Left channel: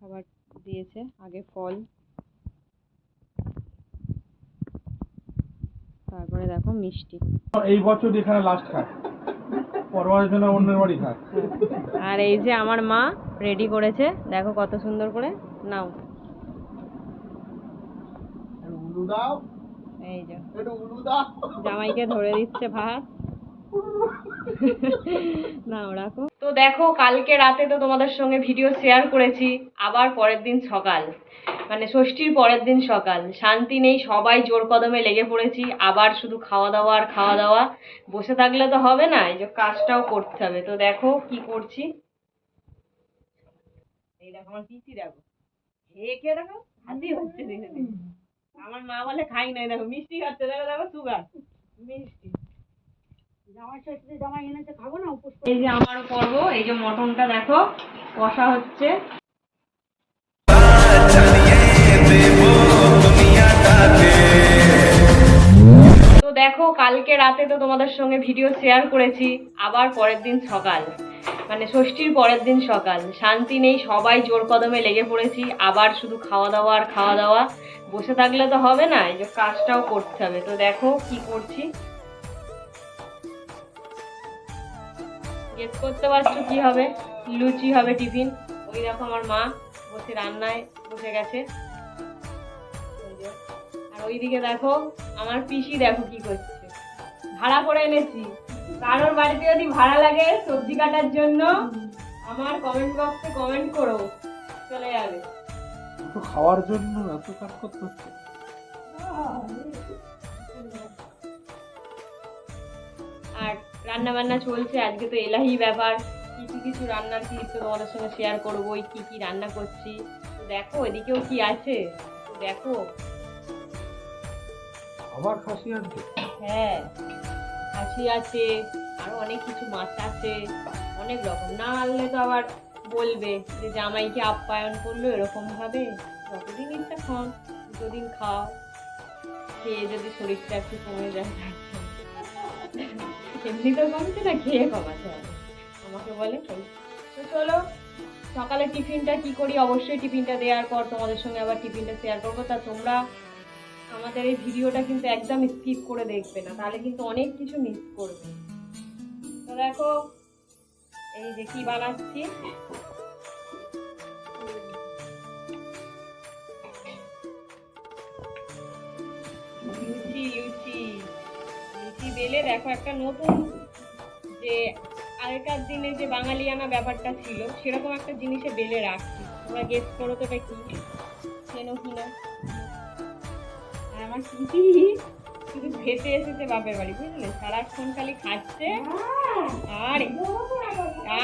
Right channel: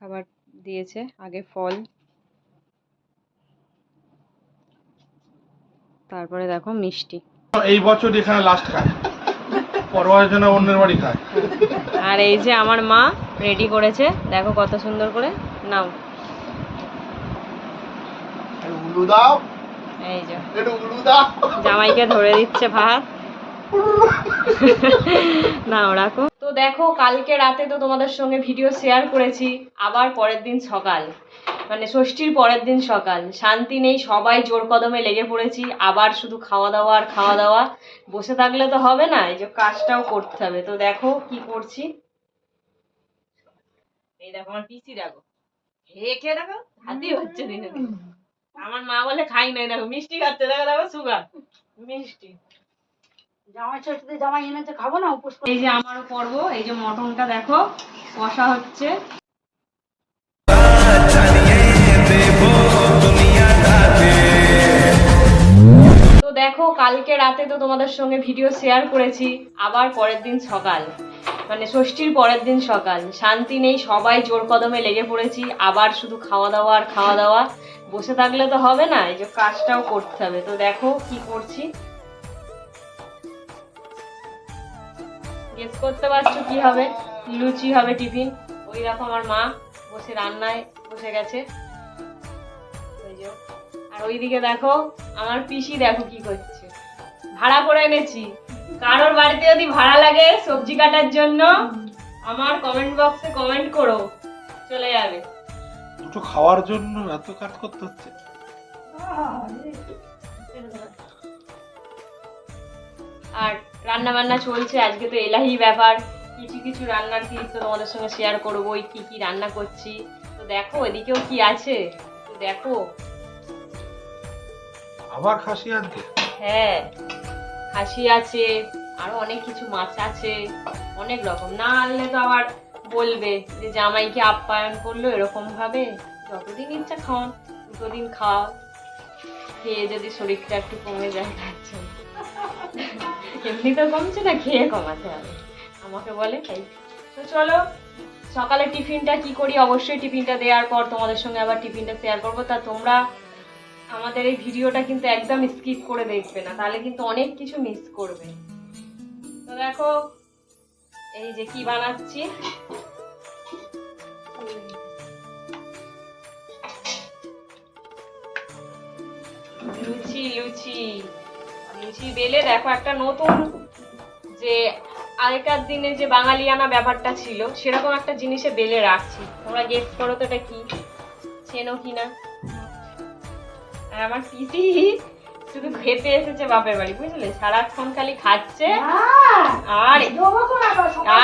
খাবার দিয়েছে, আগে ফল, তারপরে দেখো মিষ্টি। এই বছর এখানে লাস্ট খায়, পরবারের জন্য অন্যের বাড়ি খায়। আর এই যে আমার মা রেডি করেছে, দেখো কত সুন্দর করে। নাও এই যে জামাইকে ধরে দিচ্ছে ভাত। না রাখো। তো দেখো কালকে রাতে তো তোমাদের সঙ্গে ভিডিও শেয়ার করেছি, আবার পরের দিন সকাল, মানে ষষ্ঠীর পরের দিন সকাল, শান্তি নেই, সবাই জোর কদমে লেগে পড়েছি, আবার শুধু খাওয়া দাওয়া আর খাওয়া দাওয়া। বসে থাকলে তো হবে না, এই যে কাজটাও করতে হবে। তো দেখো কি করছি, এই দেখো আমার পিসি, দেখো খেয়ে দেখো হাতি হচ্ছে দিনে দিনে। আমার মা বলে খাই নাই, দেখো মিষ্টি খাচ্ছে, দেখো দেখো সুগার মিষ্টি। জামাই এনেছে, খাবো না উপোস। এই যে আমারও পর্ব, এই যে মটনটা দেখো কষা হচ্ছে। তো দেখো কালকে রাতে তো তোমাদের সঙ্গে ভিডিও শেয়ার করেছি, আবার পরের দিন সকাল, মানে ষষ্ঠীর পরের দিন সকাল, শান্তি নেই, সবাই জোর কদমে লেগে পড়েছি, আবার শুধু খাওয়া দাওয়া আর খাওয়া দাওয়া। বসে থাকলে তো হবে না, এই যে কাজটাও করতে হবে। তো দেখো কি করছি, গেস করতে পারছো কি হবে? লুচি হবে টিফিন। ওই দেখো আমার মা বসে রান্নায় বসে গেছে, আর ওইদিকে দেখো আমার পিসি দেখো কি করছে। ভাড়া করে এনেছি, কারোর বাড়িতে যদি ভাড়া লাগে সবজি কাটার জন্য আমার কমেন্ট বক্সে কমেন্ট করো, চলে যাবে। দুটো খাওয়ার জন্য এত কাজ করতে হচ্ছে। আর রান্না বান্না চলছে, আজকে তো এলাহি ব্যাপার, কিছু কিছু রান্নার ক্লিপ তো তোমাদের সঙ্গে শেয়ার করবো, ওই কি কি রান্না করছি। তো দেখো এদিকেও কি আছে, তো দেখো। আবার খাসি আনতে? হ্যাঁ খাসি আছে, আরো অনেক কিছু মাছ আছে, অনেক রকম। না আনলে তো আবার বলবে যে জামাইকে আপ্যায়ন করলো এরকম ভাবে। যতদিন ইচ্ছা খাওয়ান, দুদিন খাও, খেয়ে যদি শরীরটা একটু কমে যায় খাচ্ছে। এমনি তো কমছে না, খেয়ে কমাতে হবে, আমাকে বলে তাই। তো চলো সকালে টিফিনটা কি করি, অবশ্যই টিফিনটা দেওয়ার পর তোমাদের সঙ্গে আবার টিফিনটা শেয়ার করবো। তা তোমরা আমাদের এই ভিডিওটা কিন্তু একদম স্কিপ করে দেখবে না, তাহলে কিন্তু অনেক কিছু মিস করবে। তো দেখো এই যে কি বানাচ্ছি, লুচি লুচি লুচি বেলে দেখো একটা নতুন, যে আগেকার দিনে যে বাঙালিয়ানা ব্যাপারটা ছিল সেরকম একটা জিনিসে বেলে রাখছি। তোমরা গেস করো তো এটা কি, চেনো কিনা। আর আমার পিসি শুধু খেতে এসেছে বাপের বাড়ি, বুঝলে, সারাক্ষণ খালি খাচ্ছে আর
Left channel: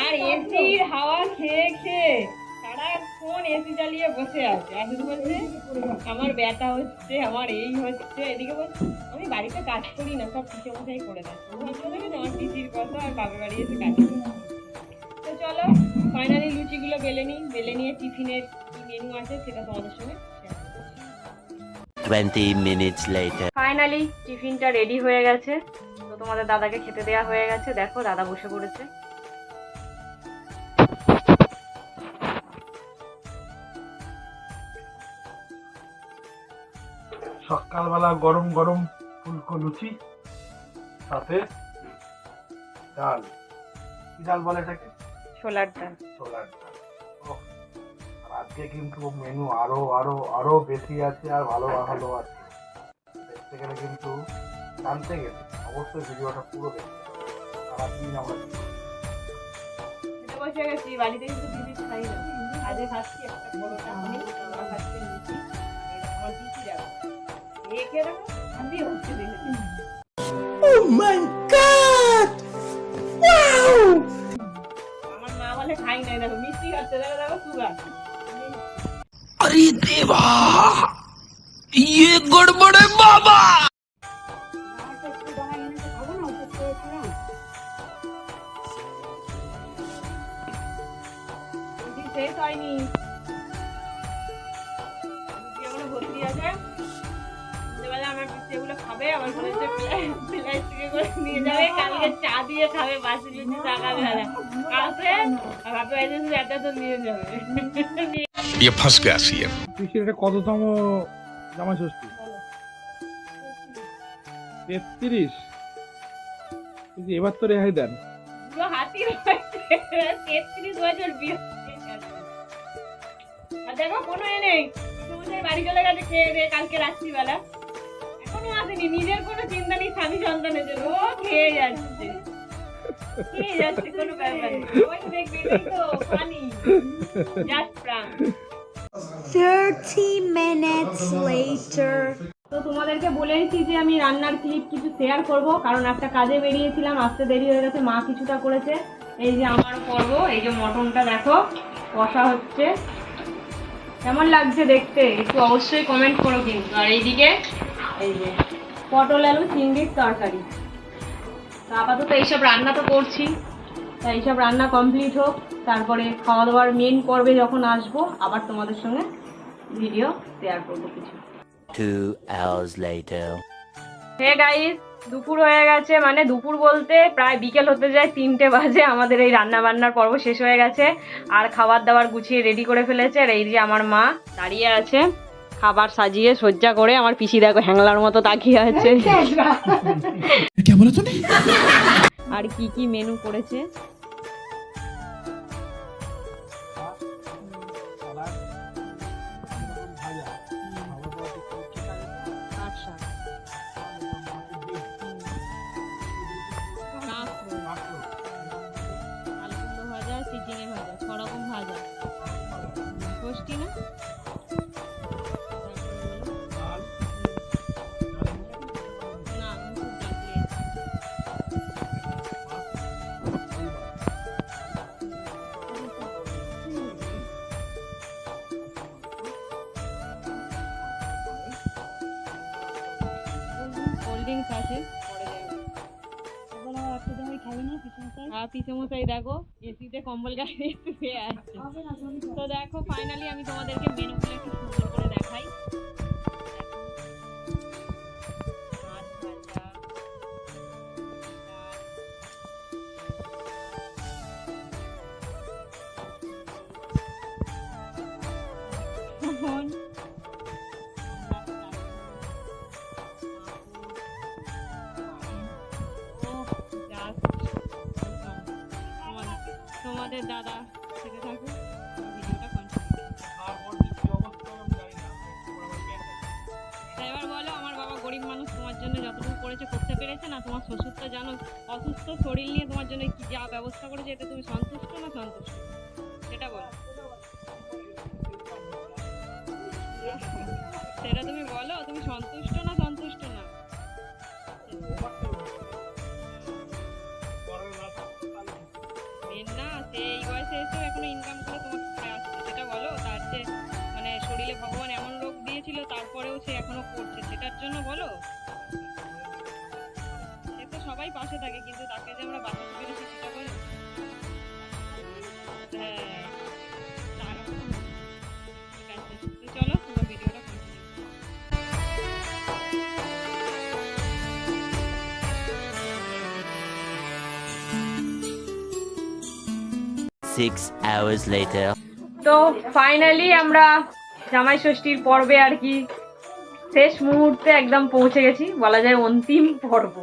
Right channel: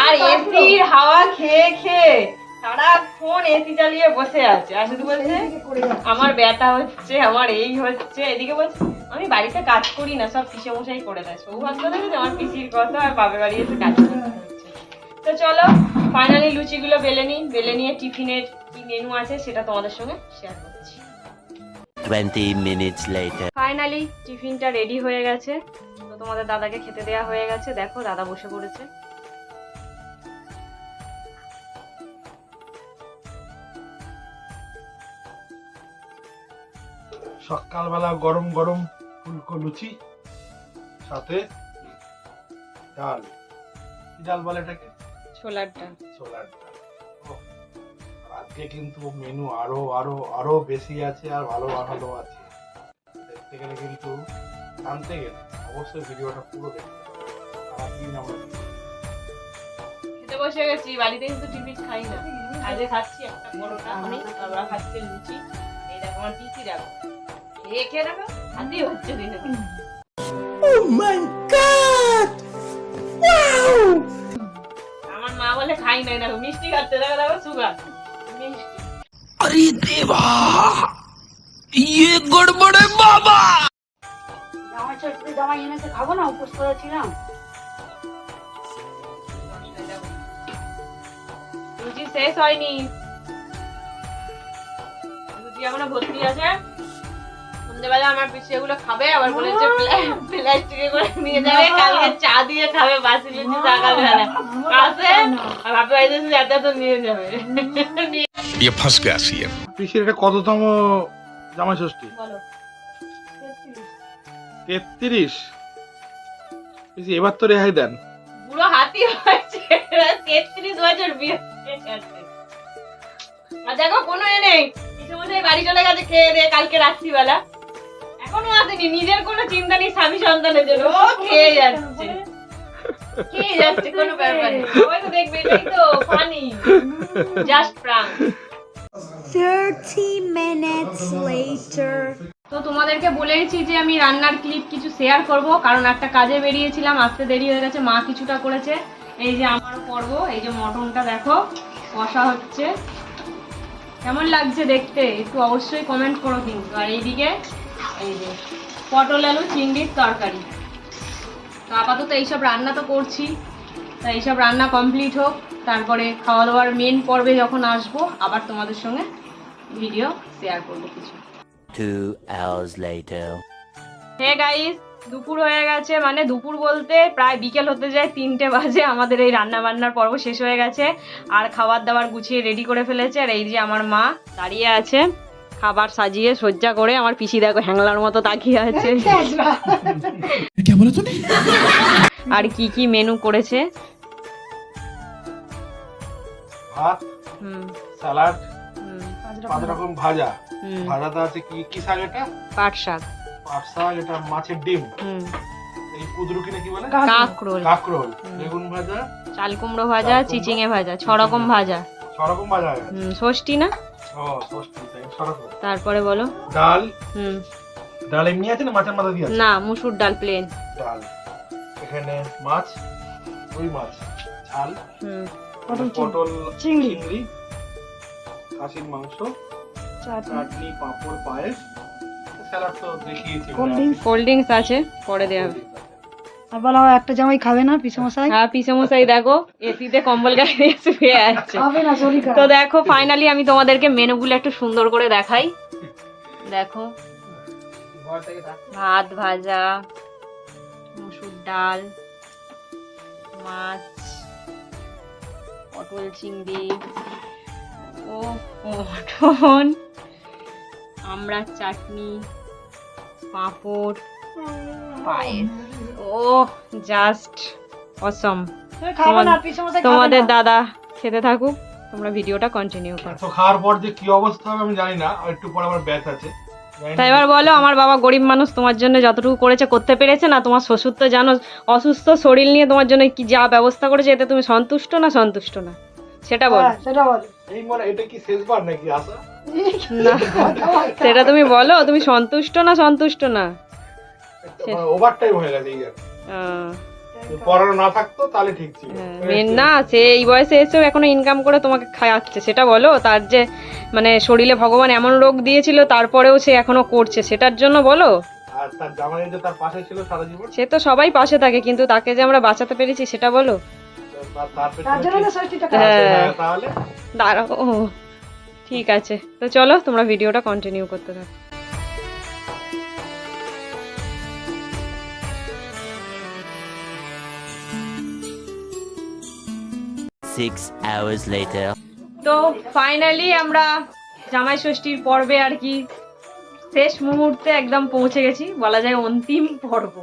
আর এসির হাওয়া খেয়ে খেয়ে সারাক্ষণ এসি চালিয়ে বসে আছে, আর শুধু বলছে আমার ব্যথা হচ্ছে, আমার এই হচ্ছে। এদিকে বলছে আমি বাড়িতে কাজ করি না, সব পিসে মশাই করে দেয়। সৌভাগ্য দেখেছে আমার পিসির কথা, আর বাপের বাড়ি এসে কাজ করতে হচ্ছে। তো চলো ফাইনালি লুচিগুলো বেলে নিই, বেলে নিয়ে টিফিনের কি মেনু আছে সেটা তোমাদের সঙ্গে শেয়ার করছি। 20 minutes later. ফাইনালি টিফিনটা রেডি হয়ে গেছে, তো তোমাদের দাদাকে খেতে দেওয়া হয়ে গেছে। দেখো দাদা বসে পড়েছে। সকালবেলা গরম গরম ফুলকো লুচি, সাথে ডাল। কি ডাল বলে এটাকে? ছোলার ডাল। ছোলার ডাল। ওহ, আজকে কিন্তু মেনু আরো আরো আরো বেশি আছে, আর ভালো ভালো আছে। দেখতে গেলে কিন্তু, জানতে গেলে অবশ্যই ভিডিওটা পুরো দেখতে হবে। সারাদিন আমরা খেতে বসে গেছি, বাড়িতে কিন্তু টিফিন খাই না, আজকে খাচ্ছি একটা বড় চাটনি, তারপর খাচ্ছি লুচি। এই দেখো আমার পিসি দেখো খেয়ে খেয়ে দেখো হাতি হচ্ছে দিনে দিনে। Oh my god! Wow! আমার মা বলে খাই নাই, দেখো মিষ্টি খাচ্ছে, দেখো দেখো সুগার মিষ্টি। अरे देवा, ये गड़बड़ है बाबा। জামাই এনেছে, খাবো না উপোস করেছিলাম। লুচি শেষ হয়নি, লুচি এখনো ভর্তি আছে। সন্ধ্যেবেলা আমার পিসি এগুলো খাবে, আবার বলেছে প্লাস্টিকে করে নিয়ে যাবে, কালকে চা দিয়ে খাবে বাসি লুচি সকালবেলা। কাছে আর ভাবতে পারছি এত নিয়ে যাবে। ये फंस गया सीएम। পিসির এটা কততম জামাই ষষ্ঠী? বলো 33। পিসি এবার তো রেহাই দেন। পুরো হাতি হয়েছে 33 বছর বিয়ে হয়ে গেছে। আর দেখো কোনো নেই ইতিমধ্যে বাড়ি চলে গেছে খেয়ে দিয়ে কালকে রাত্রিবেলা এখনো আসেনি নিজের কোনো চিন্তা নেই স্বামী সন্তানের জন্য ও খেয়ে যাচ্ছে কোনো ব্যাপার নেই সবাই তো দেখবে এটাই তো funny just prank 30 minutes later. তো তোমাদেরকে বলেইছি যে আমি রান্নার ক্লিপ কিছু শেয়ার করব কারণ একটা কাজে বেরিয়েছিলাম আসতে দেরি হয়ে গেছে মা কিছুটা করেছে এই যে আমার পর্ব এই যে মটনটা দেখো কষা হচ্ছে কেমন লাগছে দেখতে একটু অবশ্যই কমেন্ট করো কিন্তু আর এইদিকে এই যে পটল আলু চিংড়ির তরকারি তো আপাতত এইসব রান্না তো করছি তা এইসব রান্না কমপ্লিট হোক তারপরে খাওয়া দাওয়ার মেন পর্বে যখন আসবো আবার তোমাদের সঙ্গে ভিডিও শেয়ার করবো কিছু 2 hours later. হে গাইস দুপুর হয়ে গেছে মানে দুপুর বলতে প্রায় বিকেল হতে যায় 3টে বাজে আমাদের এই রান্না বান্নার পর্ব শেষ হয়ে গেছে আর খাবার দাবার গুছিয়ে রেডি করে ফেলেছে আর এই যে আমার মা দাঁড়িয়ে আছে খাবার সাজিয়ে সজ্জা করে আমার পিসি দেখো হ্যাংলার মতো তাকিয়ে আছে আর কি কি মেনু করেছে ভাত, হুম, স্যালাড, হুম, 5 রকম ভাজা। হুম, ভাজাটা আছে কি শাক এটা? পাট শাক পাট শাক, এটা মাছের ডিম। হুম, এই কুদরুকিনে কি বলে? কাঁকরোল কাঁকরোল, বেগুন ভাজা, চাল কুমড়ো ভাজা চিচিঙে ভাজা 6 রকম ভাজা 6 রকম ভাজা। ষষ্ঠী না ও, ষষ্ঠী, 6 রকম। তারপরে বলো ডাল, হুম ডাল এমনি আছে না মাছের মাথা দিয়ে আছে? না মুসুর ডাল প্লেন ডাল। এখানে মাছ, রুই মাছ, ঝাল, পটল, চিংড়ি, খাসির মাংস, চাটনি, পাঁপড়, পায়েস, স্যালাড তো দেখিয়েছি। কোল্ড ড্রিঙ্কস আছে পরে দেওয়া হবে আর বলা হয় একটা জামাই খাবে না পিসমশাই হ্যাঁ পিসমশাই দেখো এসিতে কম্বল গায়ে দিয়ে শুয়ে আছে খাবে না শরীর তো দেখো ফাইনালি আমি তোমাদেরকে মেনুগুলো একটু সুন্দর করে দেখাই দেখো ভাত ভাজা মুসুর ডাল মাছ পটল চিংড়ি ও মটন আমড়ার চাটনি পাঁপড় পায়েস ও জাস্ট অসম খাবে না পিসমশাই তোমাদের দাদা খেতে থাকুক তোমরা ভিডিওটা কন্টিনিউ করো তো খাওয়ার পর যে কি অবস্থা হবে আমি জানি না, আর একটু পর আমার ব্যাচ আছে। তাই এবার বলো আমার বাবা গরিব মানুষ তোমার জন্য যতটুকু করেছে করতে পেরেছে না তোমার শ্বশুর তো জানো অসুস্থ শরীর নিয়ে তোমার জন্য কি যা ব্যবস্থা করেছে এতে তুমি সন্তুষ্ট না সেটা বলো সেটা বল এই মানে এটা কি শেষবার নাকি আসা? না সেটা তুমি বলো তুমি সন্তুষ্ট না ওভার টাইম হয়ে গেছে এই আর। আহ, পড়ানো না থাকতো তাহলে ঠিক ছিল। মেন না সে এই বয়সে এসেও এখনো ইনকাম করে তোমাকে খাওয়াচ্ছে সেটা বলো তার যে মানে শরীরে ভগবান এমন রোগ দিয়েছিল তারপরেও সে এখনো করছে সেটার জন্য বলো আর তার জামাই যে তার পাশে ছিল সারা জীবন, সে তো সবাই পাশে থাকে কিন্তু তাকে যে আমরা বাঁচাতে পেরেছি সেটা বলো তার জন্য না ষষ্ঠীটা হ্যাঁ তাহলে দাঁড়াও ও, ঠিক আছে তো চলো তোমরা ভিডিওটা কন্টিনিউ করতে থাকো 6 hours later. তো ফাইনালি আমরা জামাই ষষ্ঠীর পর্বে আর কি শেষ মুহূর্তে একদম পৌঁছে গেছি বলা যায় অন্তিম পর্ব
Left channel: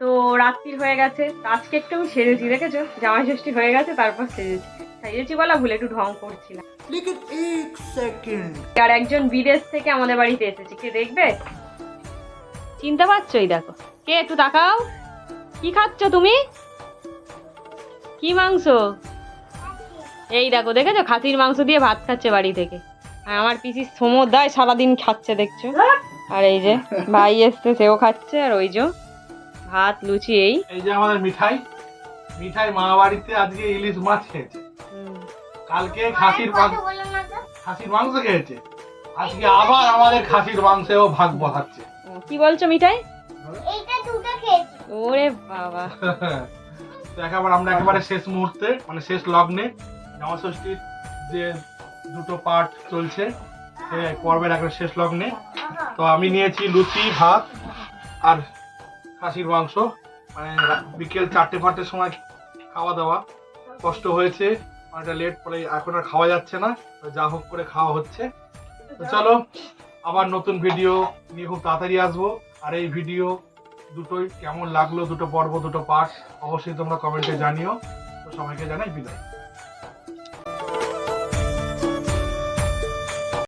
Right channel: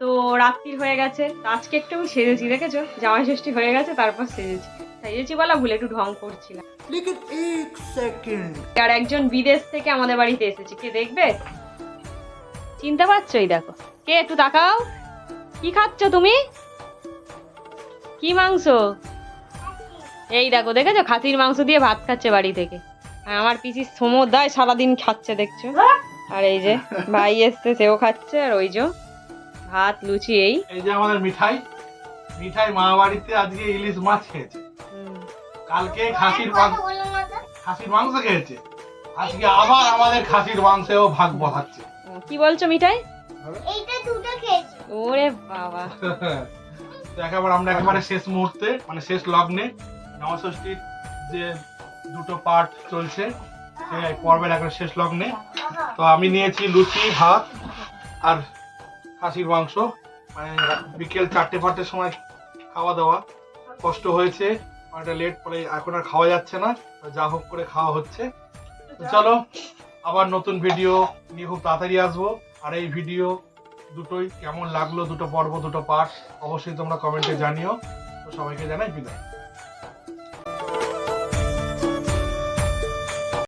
তো রাত্রির হয়ে গেছে তো আজকে একটু আমি সেজেছি দেখেছো জামাই ষষ্ঠী হয়ে গেছে তারপর সেজেছি বলা ভুলে একটু ঢং করছিলাম আর একজন বিদেশ থেকে আমাদের বাড়িতে এসেছে কে দেখবে চিনতে পারছো এই দেখো কে একটু তাকাও কি খাচ্ছ তুমি কি মাংস এই দেখো দেখেছো খাসির মাংস দিয়ে ভাত খাচ্ছে বাড়ি থেকে আর আমার পিসি সমুদায় সারাদিন খাচ্ছে দেখছো আর এই যে ভাই এসছে সেও খাচ্ছে আর ওই যে ভাত লুচি এই এই যে আমাদের মিঠাই মা বাড়িতে আজকে ইলিশ মাছ খেয়েছে, কালকে খাসির মাংস খেয়েছে, আজকে আবার আমাদের খাসির মাংসেও ভাগ বসাচ্ছে। কি বলছো মিঠাই ওরে বাবা তো আমরা একেবারে শেষ মুহূর্তে মানে শেষ লগ্নে জামাই ষষ্ঠীর যে দুটো পার্ট চলছে সে পর্বের একটা শেষ লগ্নে তো আমি নিয়েছি লুচি ভাত আর খাসির মাংস মানে বিকেল 4-5টার সময় খাওয়া দাওয়া কষ্ট হয়েছে অনেকটা লেট পরে এখন আর খাওয়া যাচ্ছে না, তো যা হোক করে খাওয়া হচ্ছে। তো চলো আবার নতুন ভিডিও নিয়ে খুব তাড়াতাড়ি আসবো। আর এই ভিডিও দুটোই কেমন লাগলো, দুটো পর্ব দুটো পার্ট অবশ্যই তোমরা কমেন্টে জানিও। তো সবাইকে জানাই বিদায়।